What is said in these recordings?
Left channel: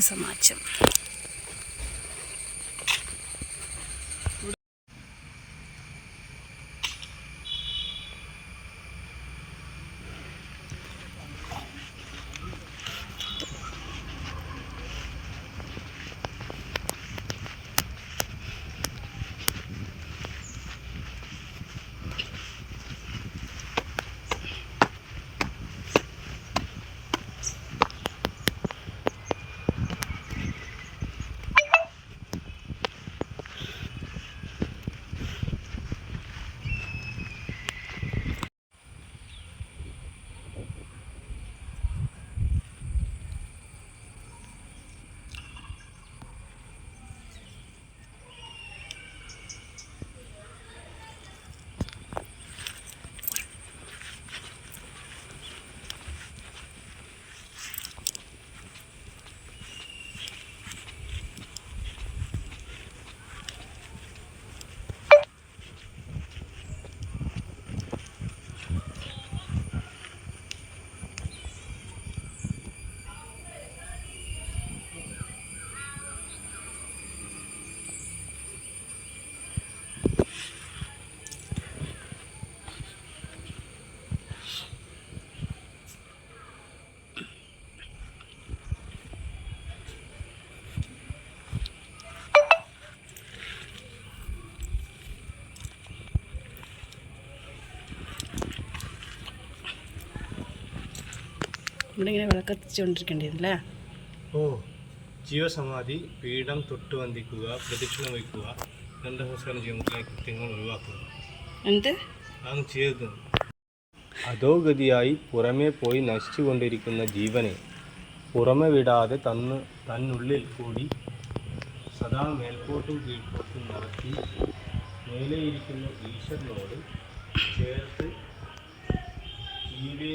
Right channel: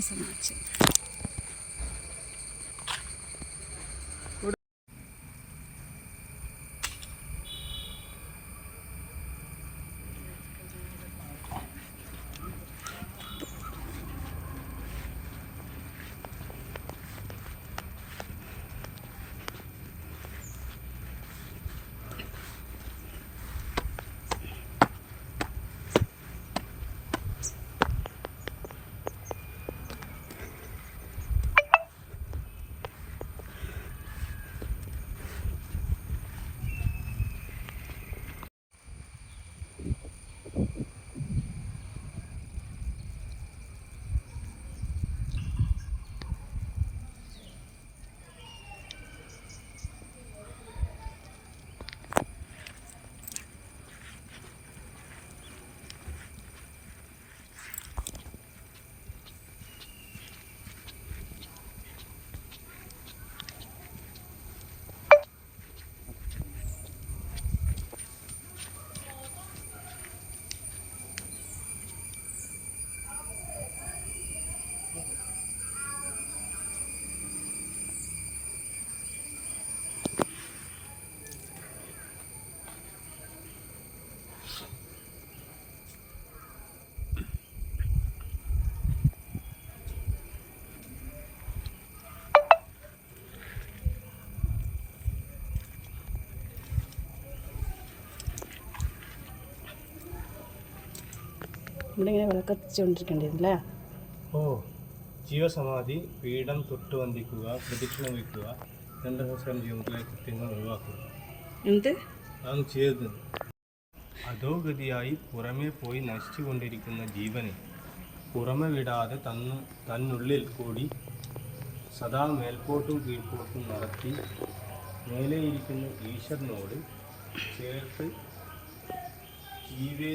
సమాచారం. ഇവിടെ ഇങ്ങനെ വിളക്കത്തിച്ചുകൊണ്ടിരിക്കേണ്ടിയിരുന്നല്ലേ? ഓ ജീവസമാധി പീഠം തൊട്ട് വന്ദിക്കുക പ്രദക്ഷിണം വയ്ക്കുക ഗന്ധനമസ്കാരം ചെയ്യുന്നതിലെ കൃത്യങ്ങൾ ഒഴിവാക്കുക. എന്ത്? ആണ് ചെയ്തത്. അധോഗതിയായി പുറമേ പോയി നശിച്ചുകൊണ്ടിരിക്കുന്ന ജീവനെ പുറമെ വിടാതെ തന്ന് തന്നുള്ളിൽ കൂടി സദാ മേൽപോട്ടും കീഴ്പോട്ടും നടത്തി മേലെയിരിക്കുന്ന ഈശ്വരനോട് ചേർത്ത് ജീവേ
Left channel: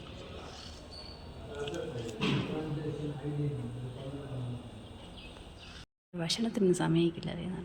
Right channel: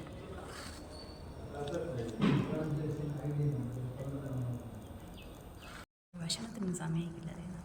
ഭക്ഷണത്തിന് സമയമില്ല അറിയുന്നത്